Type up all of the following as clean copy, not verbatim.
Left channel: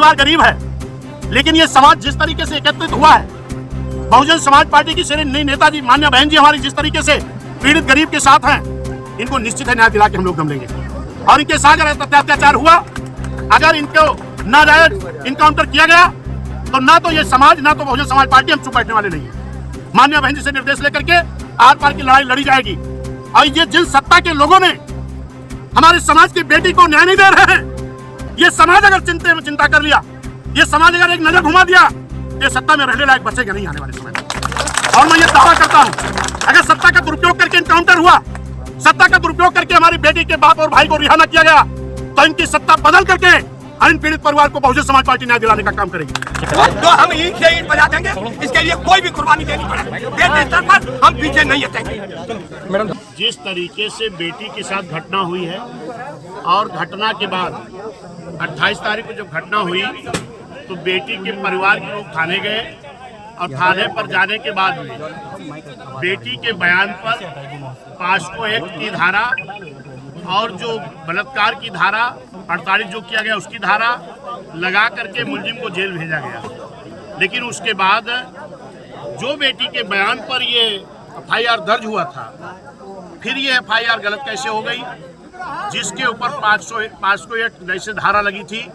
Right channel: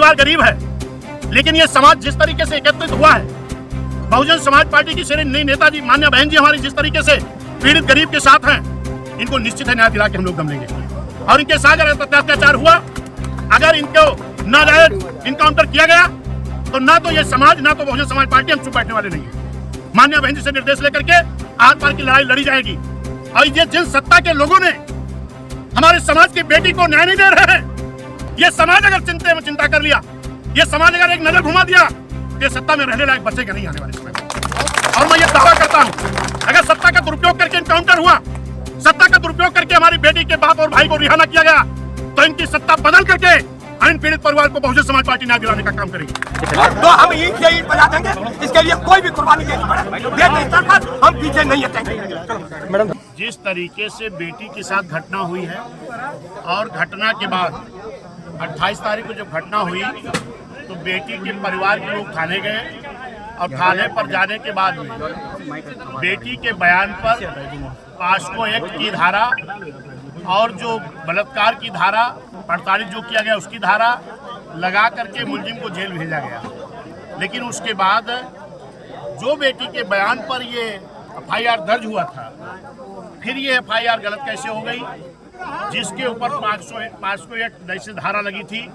परिवार गरीब है, लेकिन ये समाज जिस तरीके से एकत्रित हुआ है, बहुजन समाज पार्टी की श्रेणी नेताजी मान्य बहन जी हमारी जिस तरीके से पीड़ित गरीब के साथ हैं, इनको निश्चित है न्याय दिला के हम लोग दम लेंगे। और इनके साथ अगर अत्याचार हुआ, अगर इनको नाजायज इनकाउंटर किया गया, तो ना तो ये समाज ना तो बहुजन समाज पार्टी हम चुप बैठने वाले नहीं है। मान्य बहन जी से निर्देश लेकर के आर पार की लड़ाई लड़ी जाएगी। और ये जिन सत्ता के लोगों ने हमारे समाज की बेटी को न्याय नहीं दे रहे हैं, ये समाज अगर चिंता कर लिया, ये समाज अगर एक नजर घुमा दिया, ये सत्ता में रहने लायक बचेगा नहीं आने वाले समय में। और मैं ये दावा करता हूं, अगर सत्ता का दुरुपयोग करके इनकाउंटर हुआ, सत्ता का दुरुपयोग करके हमारी बेटी के बाप और भाई को रिहा न किया गया, तो इनकी सत्ता बदल करके इन पीड़ित परिवार को बहुजन समाज पार्टी न्याय दिलाने का काम करेगी। तो हम ईंट से ईंट बजा देंगे, इसके लिए कोई भी कुर्बानी देनी पड़े, हम पीछे नहीं हटेंगे। जिस तरीके से बेटी के साथ घटना हुई है, और घटना के बाद 28 तारीख को जब घटना हुई तो बेटी के परिवार के लोग थाने गए, और थाने पर जाने के बाद में बेटी के बयान पर पॉस्को एक्ट की धारा और जो बलात्कार की धारा 48 जो किया गया उसकी धारा लगा करके मुलजिम को जेल भेजा गया। लेकिन उसके बाद जो बेटी के बयान पर ये FIR दर्ज हुआ था, फिर ये FIR गलत कैसे हो गई, जिसके ऊपर पॉस्को एक्ट जैसे धारा लगी थी,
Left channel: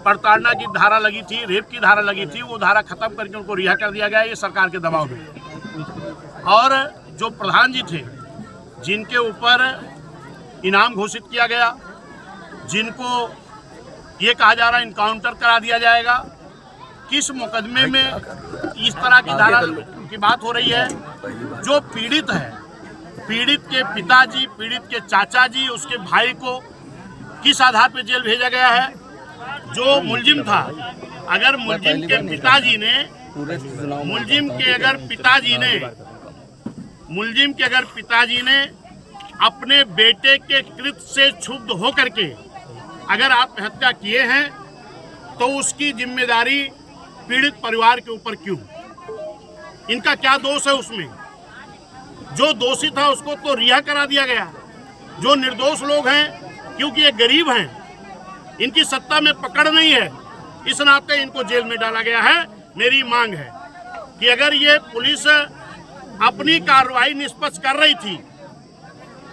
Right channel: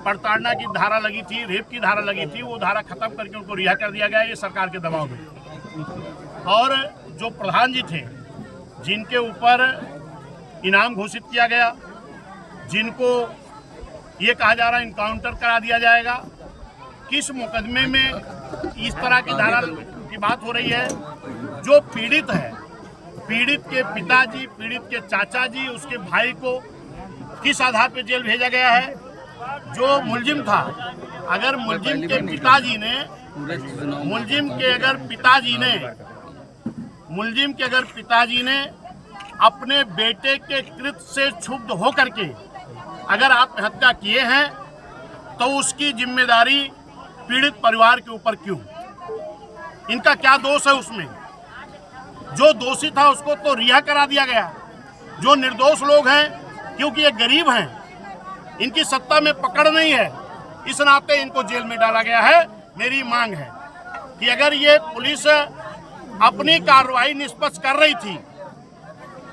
प्रताड़ना की धारा लगी थी, रेप की धारा लगी थी, वो धारा खत्म करके उनको रिहा कर दिया गया, ये सरकार के दबाव में। और जो प्रधान जी थे, जिनके ऊपर इनाम घोषित किया गया, जिनको ये कहा जा रहा है इनकाउंटर करा दिया जाएगा, किस मुकदमे में इस तरह की धारा की बात हो रही है। जो पीड़ित है, पीड़ित के पिताजी, पीड़ित के चाचा जी, उसके भाई को किस आधार पर जेल भेजा गया है। जो मुलजिम था, अगर मुलजिम के पिताजी ने अपने बेटे के कृत्य से क्षुब्ध होकर के अगर आत्महत्या किए हैं, तो उसकी जिम्मेदारी पीड़ित परिवार के ऊपर क्यों? इनका क्या दोष है उसमें? जो दोषी था उसको तो रिहा करा दिया गया। जो निर्दोष लोग हैं, क्योंकि ये गरीब हैं, इनकी सत्ता में पकड़ नहीं है, इस नाते इनको जेल में डाला गया है। मेरी मांग है कि अगर ये पुलिस अपनी कार्रवाई निष्पक्ष कर रही थी,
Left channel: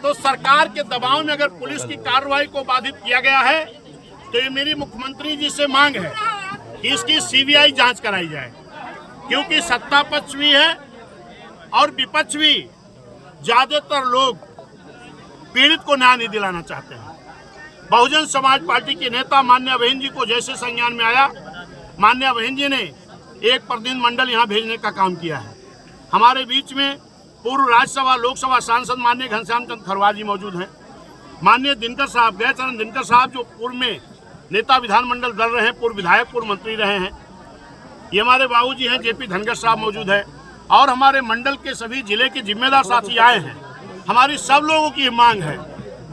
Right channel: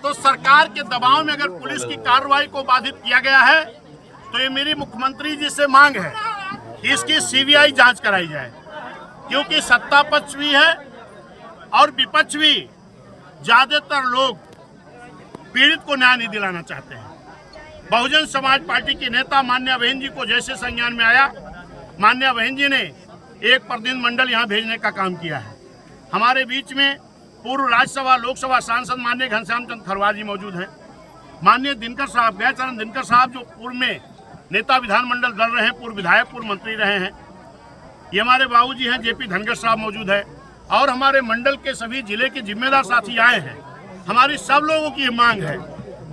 तो सरकार के दबाव में अगर पुलिस की कार्रवाई को बाधित किया गया है, तो ये मेरी मुख्यमंत्री जी से मांग है कि इसकी CBI जांच कराई जाए। क्योंकि सत्ता पक्ष भी है और विपक्ष भी, ज्यादातर लोग पीड़ित को न्याय नहीं दिलाना चाहते हैं। बहुजन समाज पार्टी के नेता मान्या बहन जी को जैसे संज्ञान में आया, मान्या बहन जी ने एक प्रतिनिधि मंडल यहाँ भेजने का काम किया है। हमारे बीच में पूर्व राज्यसभा लोकसभा सांसद माननीय घनश्याम चंद्र खरवार जी मौजूद हैं, माननीय दिनकर साहब, गैरचरण दिनकर साहब, जो पूर्व में नेता विधानमंडल दल रहे हैं, पूर्व विधायक, पूर्व मंत्री रहे हैं। ये हमारे बाबूजी हैं JP धनगर साहब मौजूद है, और हमारे मंडल के सभी जिले के जिम्मेदार साथी आए हैं। हमारी सब लोगों की मांग है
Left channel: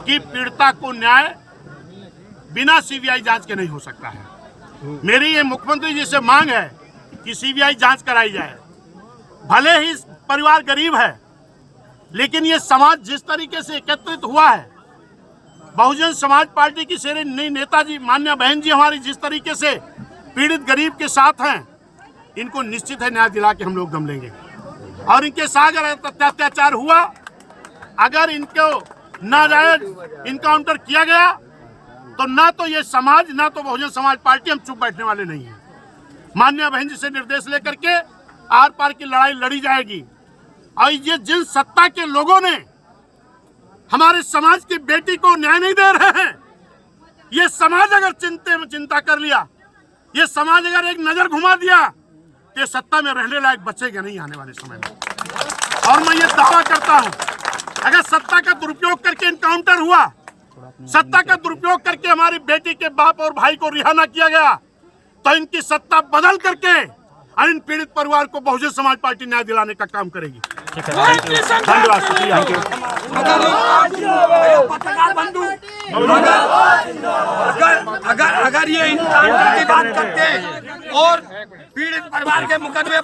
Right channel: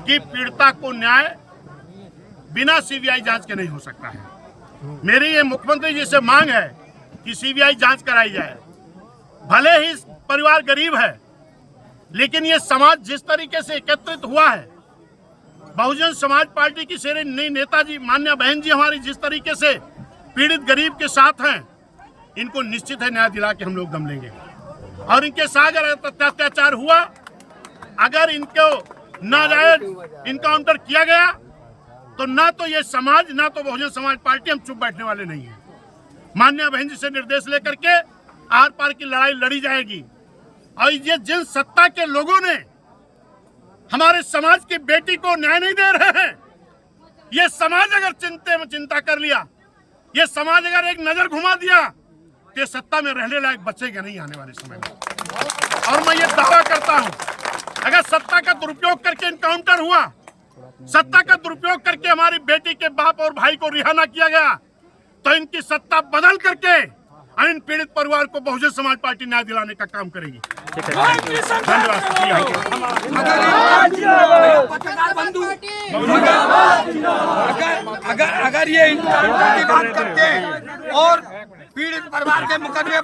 कि पीड़िता को न्याय बिना CBI जांच के नहीं हो सकता है। मेरी ये मुख्यमंत्री जी से मांग है कि CBI जांच कराई जाए। भले ही परिवार गरीब है, लेकिन ये समाज जिस तरीके से एकत्रित हुआ है, बहुजन समाज पार्टी की श्रेणी नेताजी मान्य बहन जी हमारी जिस तरीके से पीड़ित गरीब के साथ हैं, इनको निश्चित है न्याय दिला के हम लोग दम लेंगे। और इनके साथ अगर अत्याचार हुआ, अगर इनको नाजायज इनकाउंटर किया गया, तो ना तो ये समाज ना तो बहुजन समाज पार्टी हम चुप बैठने वाले नहीं है। मान्य बहन जी से निर्देश लेकर के आर पार की लड़ाई लड़ी जाएगी। और ये जिन सत्ता के लोगों ने हमारे समाज की बेटी को न्याय नहीं दे रहे हैं, ये समाज अगर चिंता कर लिया, ये समाज अगर एक नजर घुमा दिया, तो ये सत्ता में रहने लायक बचेगा नहीं आने वाले समय में। और मैं ये दावा करता हूं, अगर सत्ता का दुरुपयोग करके इनकाउंटर हुआ, सत्ता का दुरुपयोग करके हमारी बेटी के बाप और भाई को रिहा न किया गया, तो इनकी सत्ता बदल करके इन पीड़ित परिवार को बहुजन समाज पार्टी न्याय दिलाने का काम करेगी। धन्यवाद, शुक्रिया। पत्रकार बंधु, अगर ये इनकाउंटर की बात करते और पीड़ित परिवार के मुकदमे